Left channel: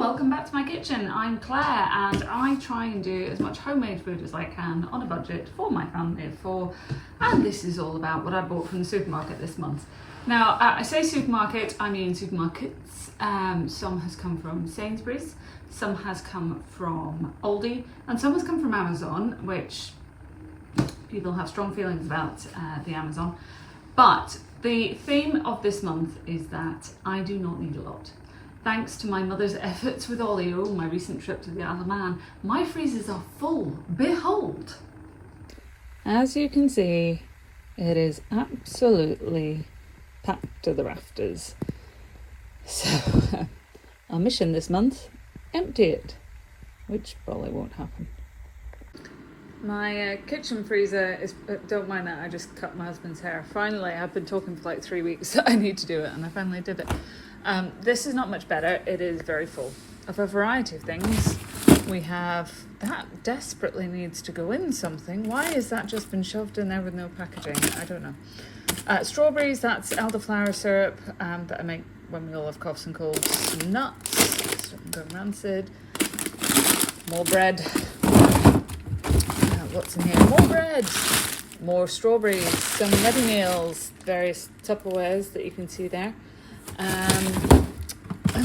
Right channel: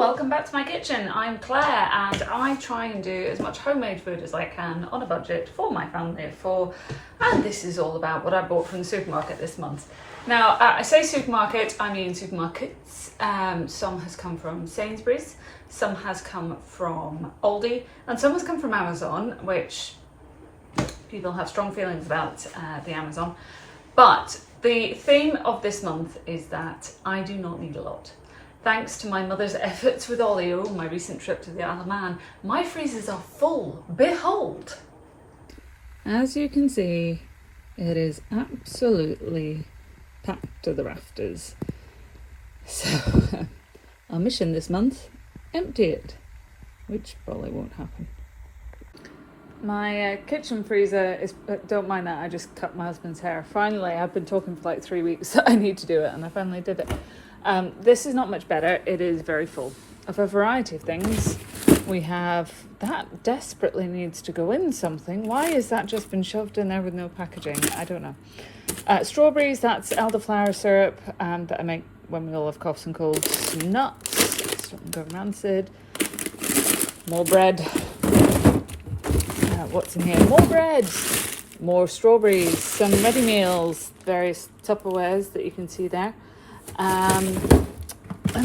welcome back to my kitchen. I'm Claire and I try and do as much homemade food as I can on a budget for my family of four, and this is all about what I bought from the supermarket this month. Now I say supermarket, I mean supermarkets. Some has come from Sainsbury's, some has come from Aldi, and some has come from Amazon, which people have strong feelings about the Amazon. But the theme of this month is that I do not need a lot. Thanks to my mother's efforts with Olio, my recent trip to the Isle of Man, my freezers are full. Behold! As you can see, it is absolutely packed to the rafters. So, our mission this month, empty it, which probably won't happen. My kitchen freezer is, don't mind that, I just cut my husband's hair. Finally, I've been talking for like 3 weeks that I need to do it, and I finally did it. This is not much better. It is very full of a variety of things. We have, that desperately needs to go in something. Why has that just been shoved in there with no packaging? I don't know. Strawberries, that's elderflower syrup that I make when we all have coughs and colds. Nuts, starting to go rancid. More bread. What's in here? More bread. More strawberries, some ready meals, various Tupperwares that you can see there. And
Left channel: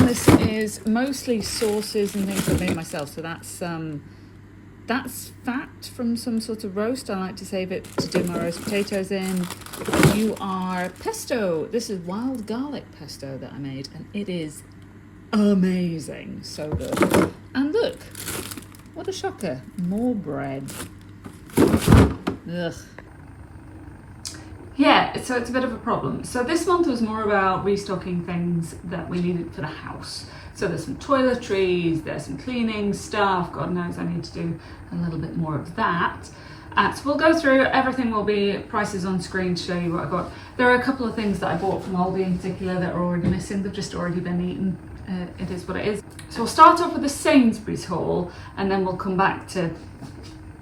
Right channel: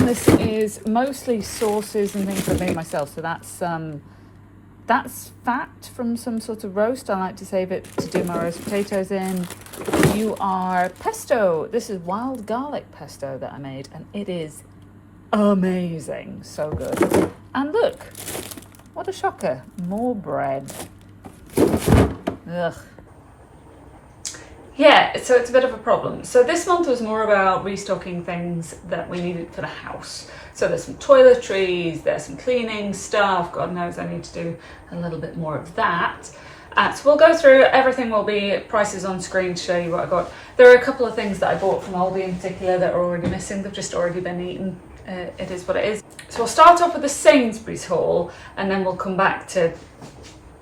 this is mostly sauces and things I made myself. So that's fat from some sort of roast. I like to save it to do my roast potatoes in. You are pesto. This is wild garlic pesto that I made, and it is amazing. So good. And look, what a shocker. More bread. Ugh. Yeah, so it's a bit of a problem. So this month was more about restocking things that we needed for the house. So there's some toiletries, there's some cleaning stuff. God knows I need to do a little bit more of that. So we'll go through, everything will be prices on screen to show you what I got. There are a couple of things that I bought from Aldi in particular that are already missing. They've just already been eaten. It is what it is. So we'll start off with the Sainsbury's haul, and then we'll come back to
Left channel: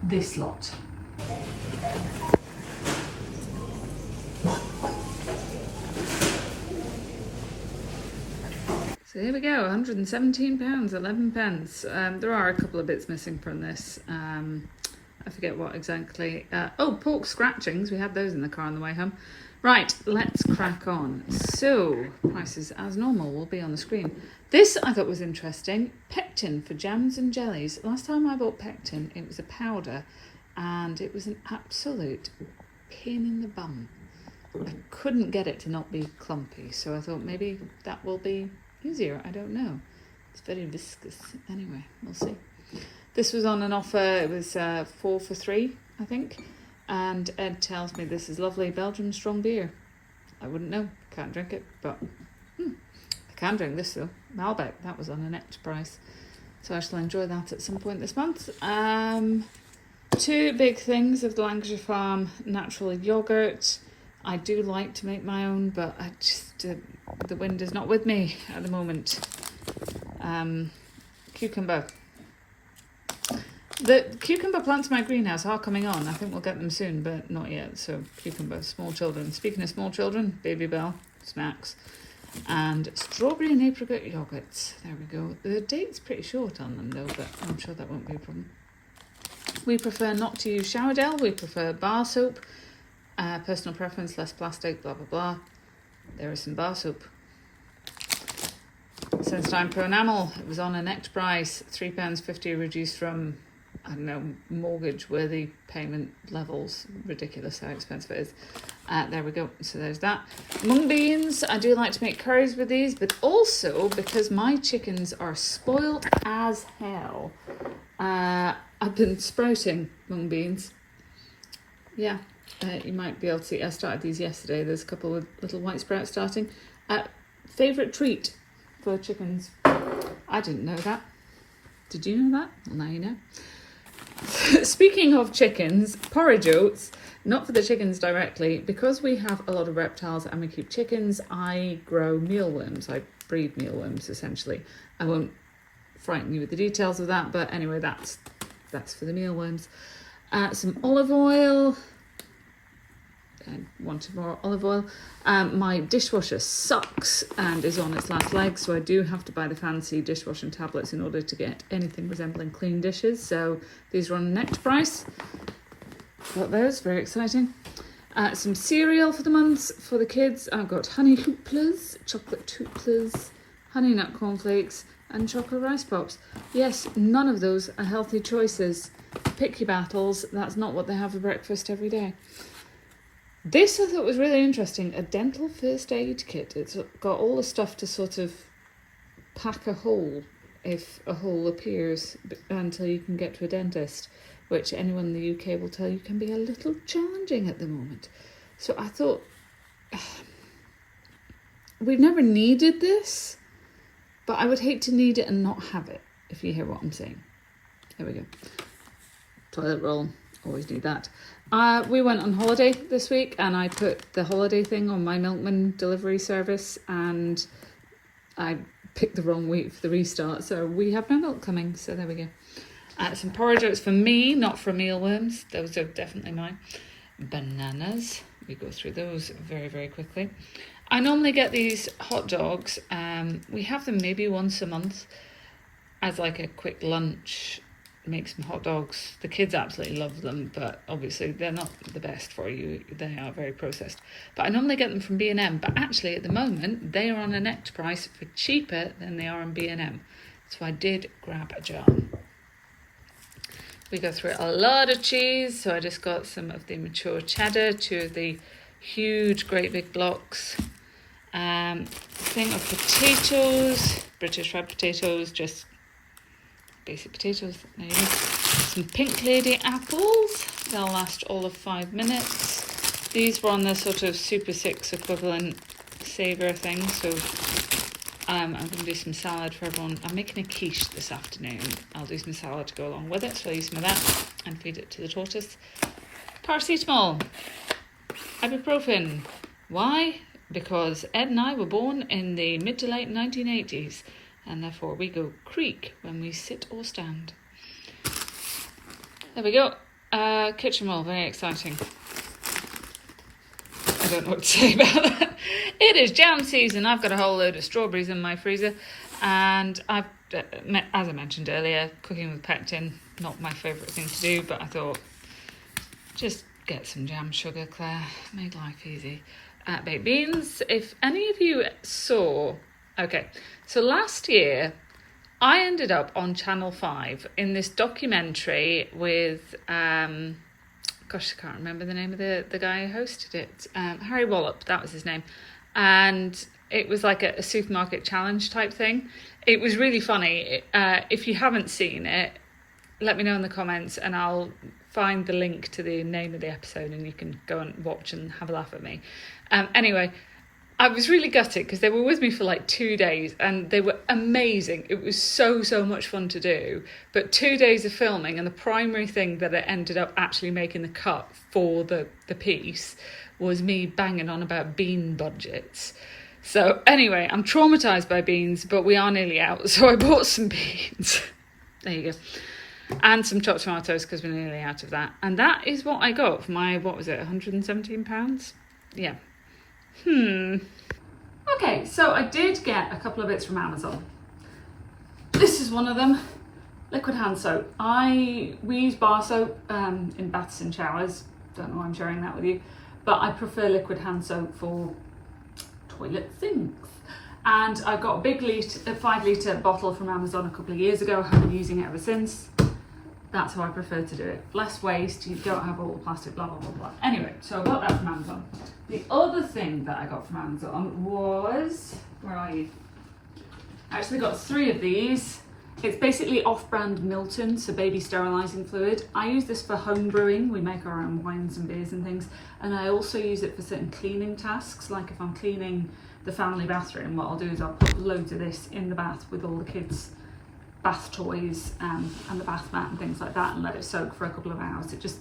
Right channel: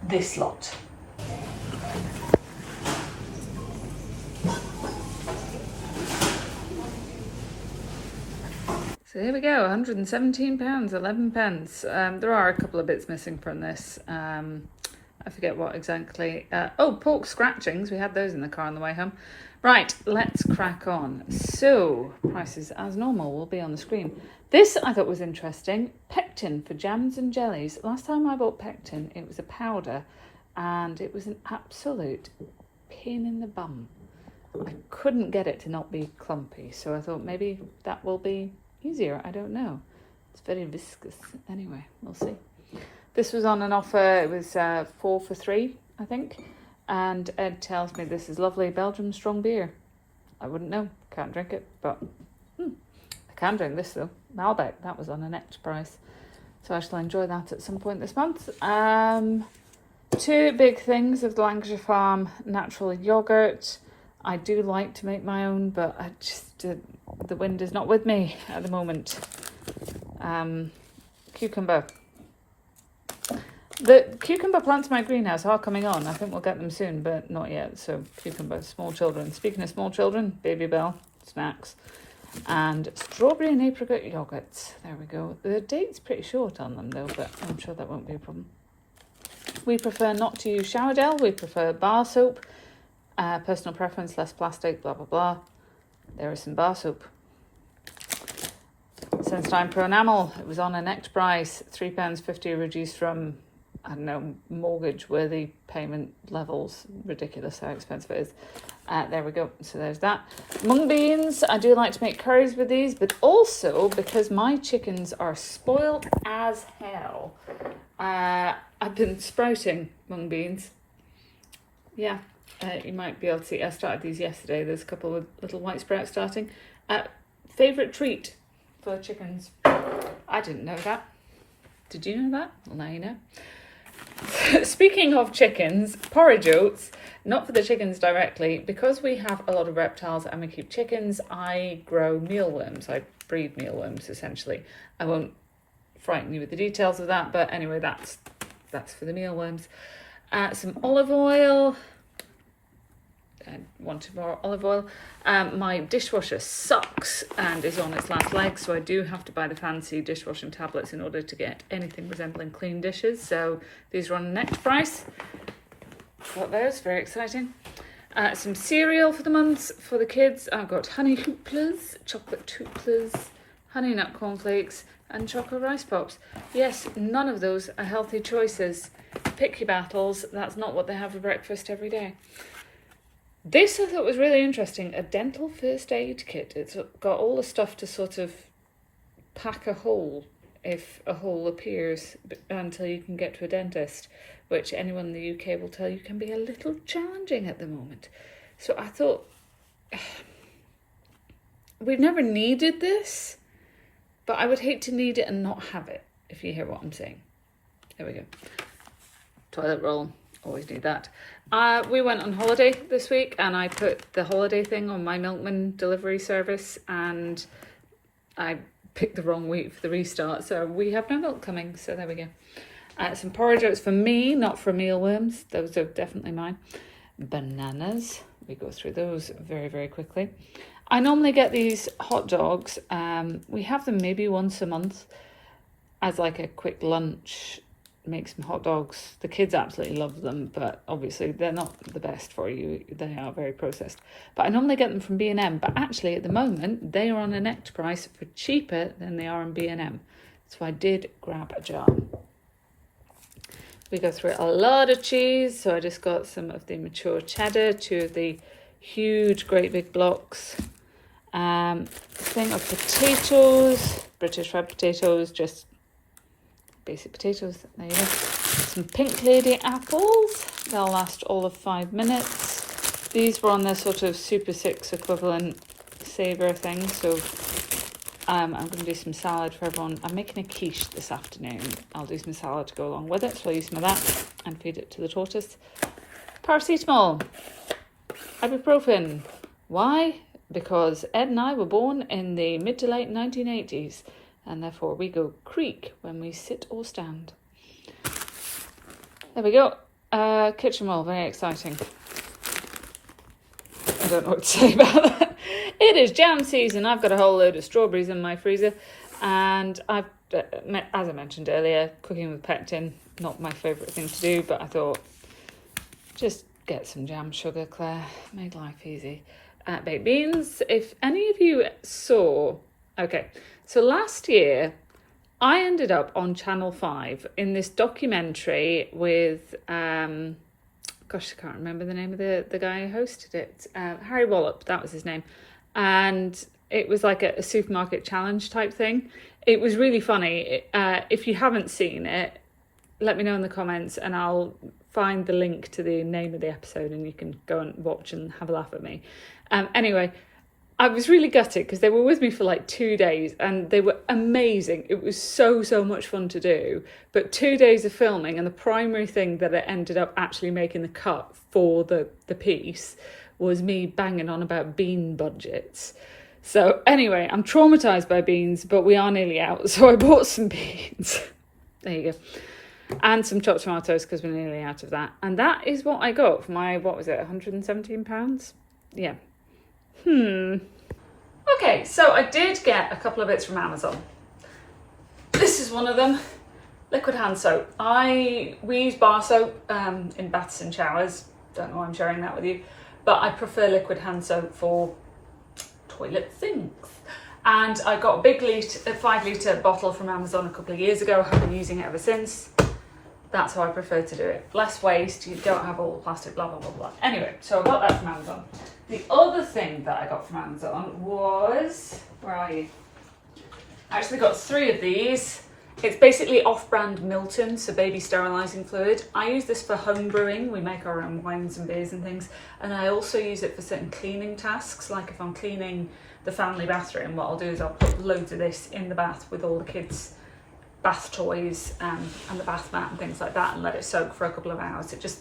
this lot. So here we go, £117, 11 pence. There are a couple of bits missing from this. I forget what exactly. Pork scratchings. We had those in the car on the way home. Right, let's crack on. So, prices as normal will be on the screen. This I thought was interesting. Pectin for jams and jellies. Last time I bought Pectin, it was a powder, and it was an absolute pain in the bum. I couldn't get it to not be clumpy, so I thought maybe that will be easier. I don't know. It's very viscous. Anyway, we'll see. This was on an offer. It was 4 for 3, I think. And Ed tells me this is lovely Belgium strong beer. I wouldn't know. Can't drink it, but I can drink this though. Malbec, that was on an extra price. So I shall enjoy that at some point this month. 2 big things of the Lancashire Farm natural yogurt. I do like to make my own, but I just the wind is not with me at the moment. Cucumber. The cucumber plants in my greenhouse are coming on. I think we'll get them soon, but not yet. So cucumber, small children. Speaking of small children, Baby Bell, snacks. And strawberry and apricot yogurts. There we go. The date's pretty short on them though, but I'm sure that won't be a problem. We prefer not to use shower gel. We prefer bar soap. Personal preference, less plastic, blah, blah, blah. There is some bar soap. Sensodyne Pro Enamel, it was on a next price, £3.50 reduced from, I don't know, mortgage-worthy payment levels. Ridiculous how expensive it is. There we go, so there's that. Mung beans, I do like to make curries with these, but also because my chickens are spoiled as hell, I've been sprouting mung beans. Yeah. You might be able to see, I started these yesterday. There's a couple of little white sprouts starting. Favourite treat for chickens. I didn't know that. Did you know that? Well, now you know. Speaking of chickens, porridge oats, not for the chickens directly. Because we have a lot of reptiles and we keep chickens, I grow mealworms. I breed mealworms, essentially. I won't frighten you with the details of that, but anyway, that's for the mealworms. Some olive oil. I wanted more olive oil. My dishwasher sucks and is on its last legs, so I do have to buy the fancy dishwashing tablets in order to get anything resembling clean dishes. So these are on a net price. Got those, very exciting. Some cereal for the months for the kids. I've got honey hooplas, chocolate hooplas, honey nut cornflakes, and chocolate rice pops. Yes, none of those are healthy choices. Pick your battles. That's not what they have for breakfast every day. This I thought was really interesting. A dental first aid kit. It's got all the stuff to sort of pack a hole if a hole appears until you can get to a dentist, which anyone in the UK will tell you can be a little challenging at the moment. So I thought, we've never needed this, but I would hate to need it and not have it, if you hear what I'm saying. There we go. Toilet roll, always need that. We went on holiday this week and I put the holiday thing on my milkman delivery service and I picked the wrong week for the restart, so we have no milk coming, so there we go. Some porridge oats for me, not for mealworms. Those are definitely mine. Bananas. We go through those very, very quickly. I normally get these hot dogs. We have them maybe once a month as like a quick lunch. Make some hot dogs. The kids absolutely love them, but obviously they're not the best for you. They are very processed. But I normally get them from B&M, but actually at the moment they are on a net price for cheaper than they are in B&M. So I did grab a jar. We go through a lot of cheese, so I just got some of the mature cheddar, 2 of the huge, great big blocks. Thing of potatoes, British red potatoes, just basic potatoes. There you go. Some Pink Lady apples. They'll last all of 5 minutes. These were on their sort of Super 6 equivalent saver thing, so I'm going to do some salad for everyone. I'm making a quiche this afternoon. I'll do some salad to go along with it, so I'll use some of that and feed it to the tortoise. Paracetamol. Ibuprofen. Why? Because Ed and I were born in the mid to late 1980s, and therefore we go creak when we sit or stand. There we go. Kitchen roll, very exciting. I don't know what to say about that. It is jam season. I've got a whole load of strawberries in my freezer, and I've, as I mentioned earlier, cooking with pectin, not my favourite thing to do, but I thought, just get some jam sugar, Claire, make life easy. Baked beans. If any of you saw, okay, so last year I ended up on Channel 5 in this documentary with gosh, I can't remember the name of the guy who hosted it. Harry Wallop, that was his name. And it was like a supermarket challenge type thing. It was really funny. If you haven't seen it, let me know in the comments and I'll find the link to the name of the episode and you can go and watch and have a laugh at me. Anyway, I was really gutted because they were with me for like 2 days and they were amazing. It was so much fun to do. But 2 days of filming, and the primary thing that it ended up actually making the cut for the piece was me banging on about bean budgets. So anyway, I'm traumatised by beans, but we are nearly out. So I bought some beans. There you go. And some chopped tomatoes because we're nearly out of that. And that is what I got for my, what was it, £117? Yeah. Okay, so I did get a couple of bits from Amazon. This is one of them, liquid hand soap. We use bar soap in baths and showers. Don't know why I'm sharing that with you, but I prefer liquid hand soap for toilet things. And I got a big 5 litre bottle from Amazon a couple of years ago. I have been using it ever since. That's how I prefer to do it. Less waste, you don't have all the plastic, blah, blah, blah, blah. Anyway, so I got that from Amazon. The other thing that I got from Amazon was, where are you? I actually got 3 of these. It's basically off-brand Milton, so baby sterilising fluid. I use this for home brewing. We make our own wines and beers and things. And I also use it for certain cleaning tasks. Like if I'm cleaning the family bathroom, what I'll do is I'll put loads of this in the bath with all the kids' bath toys and the bath mat and things like that and let it soak for a couple of hours. It just,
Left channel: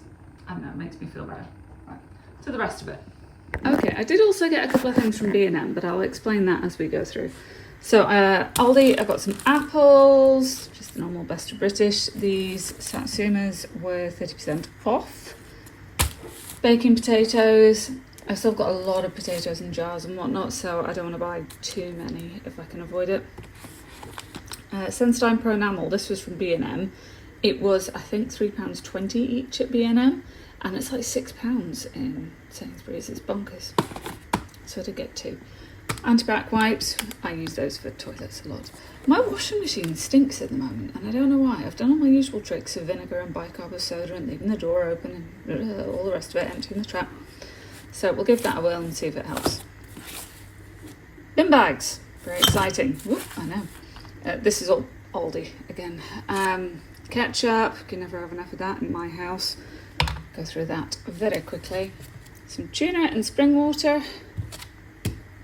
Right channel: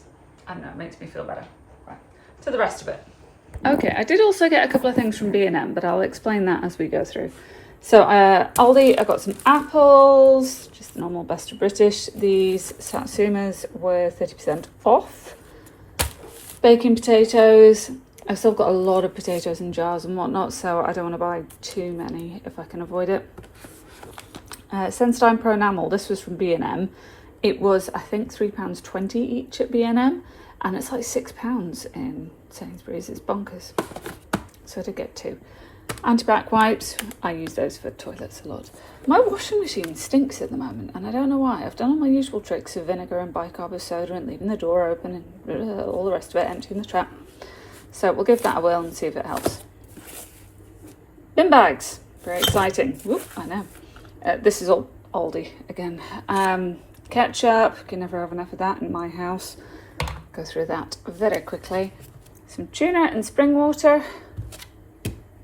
I don't know, it makes me feel better. Right, to the rest of it. Okay, I did also get a couple of things from B&M, but I'll explain that as we go through. So Aldi, I got some apples, just normal best of British. These satsumas were 30% off. Baking potatoes, I've still got a lot of potatoes in jars and whatnot, so I don't want to buy too many if I can avoid it. Sensodyne Pro Enamel, this was from B&M. It was, I think, £3.20 each at B&M, and it's like £6 in Sainsbury's. It's bonkers. So I did get 2. Antibac wipes, I use those for toilets a lot. My washing machine stinks at the moment, and I don't know why. I've done all my usual tricks of vinegar and bicarb of soda and leaving the door open and all the rest of it, emptying the trap. So we'll give that a whirl and see if it helps. Bin bags, very exciting. Whoop, I know. This is all Aldi again. Ketchup, you can never have enough of that in my house. Go through that very quickly. Some tuna and spring water.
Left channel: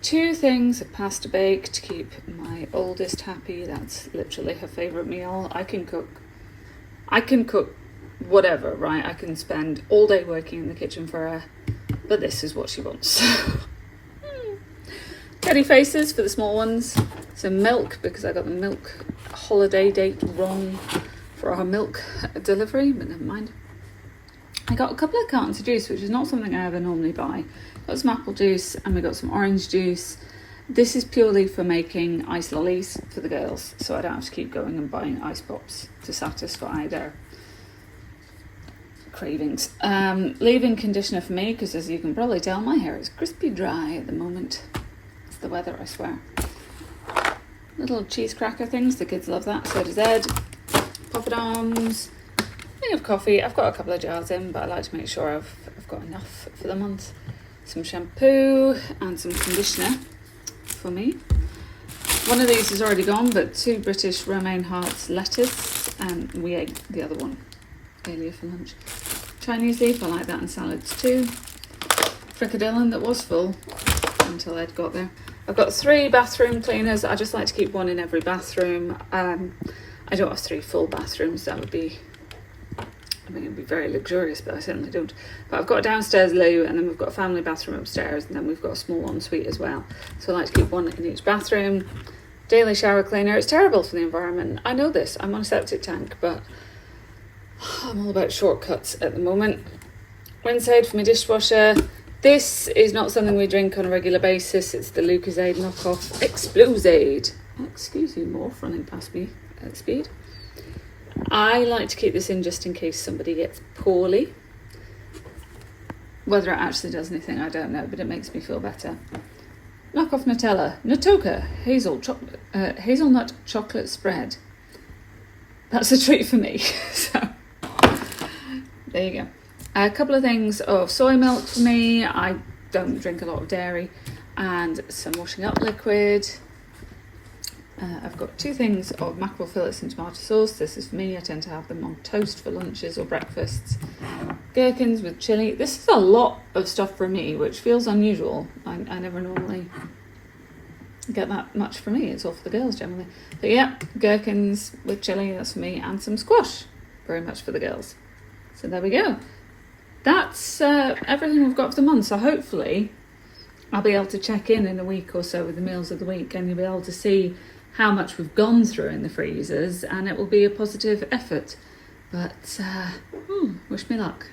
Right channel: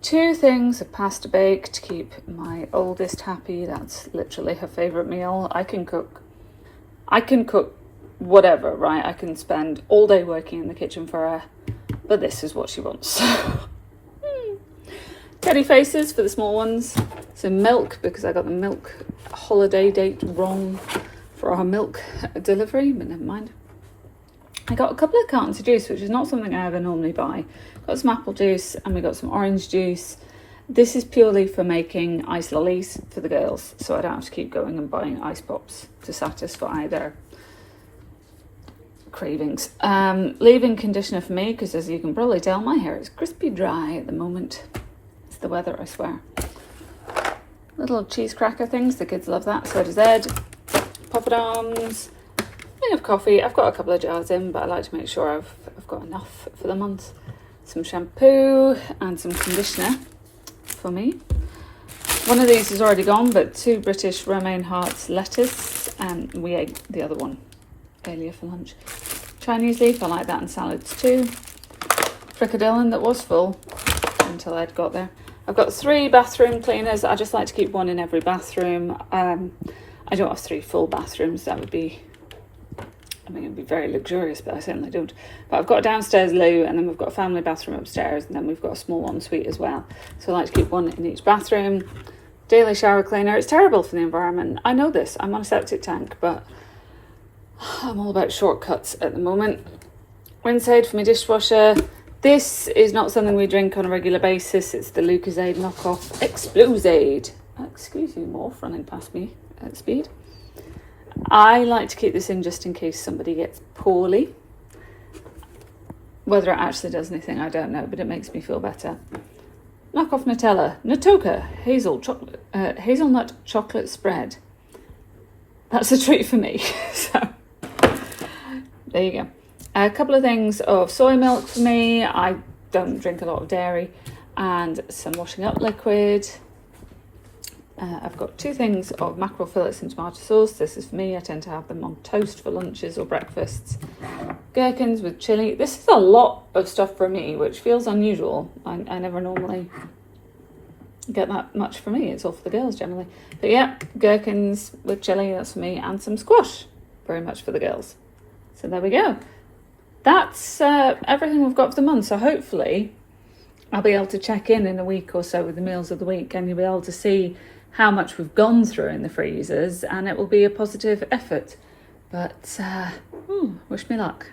2 things of pasta bake to keep my oldest happy. That's literally her favourite meal. I can cook whatever, right? I can spend all day working in the kitchen for her, but this is what she wants. Teddy faces for the small ones. Some milk, because I got the milk holiday date wrong for our milk delivery, but never mind. I got a couple of cartons of juice, which is not something I ever normally buy. Got some apple juice and we got some orange juice. This is purely for making ice lollies for the girls, so I don't have to keep going and buying ice pops to satisfy their cravings. Leave-in conditioner for me, because as you can probably tell, my hair is crispy dry at the moment. It's the weather, I swear. Little cheese cracker things, the kids love that, so does Ed. Poppadoms. Thing of coffee. I've got a couple of jars in, but I like to make sure I've got enough for the month. Some shampoo and some conditioner for me. One of these is already gone, but 2 British romaine hearts lettuce, and we ate the other one earlier for lunch. Chinese leaf, I like that in salads too. Fricadillan that was full until Ed got there. I've got 3 bathroom cleaners. I just like to keep one in every bathroom. I don't have 3 full bathrooms. That would be, I mean, it'd be very luxurious, but I certainly don't. But I've got a downstairs loo, and then we've got a family bathroom upstairs, and then we've got a small ensuite as well. So I like to keep one in each bathroom. Daily shower cleaner. It's terrible for the environment. I know this. I'm on a septic tank, but I'm all about shortcuts at the moment. Rinse aid for my dishwasher. This is not something we drink on a regular basis. It's the Lucozade knockoff Explosade. Excuse you, Morph, running past me at speed. I like to keep this in just in case somebody gets poorly. Whether it actually does anything, I don't know, but it makes me feel better. Knockoff Nutella. Natoka hazelnut chocolate spread. That's a treat for me. So there you go. A couple of things of soy milk for me. I don't drink a lot of dairy. And some washing up liquid. I've got 2 things of mackerel fillets and tomato sauce. This is for me. I tend to have them on toast for lunches or breakfasts. Gherkins with chilli. This is a lot of stuff for me, which feels unusual. I never normally get that much for me. It's all for the girls generally. But yeah, gherkins with chilli, that's for me. And some squash, very much for the girls. So there we go. That's everything we've got for the month. So hopefully I'll be able to check in a week or so with the meals of the week, and you'll be able to see how much we've gone through in the freezers, and it will be a positive effort. But wish me luck.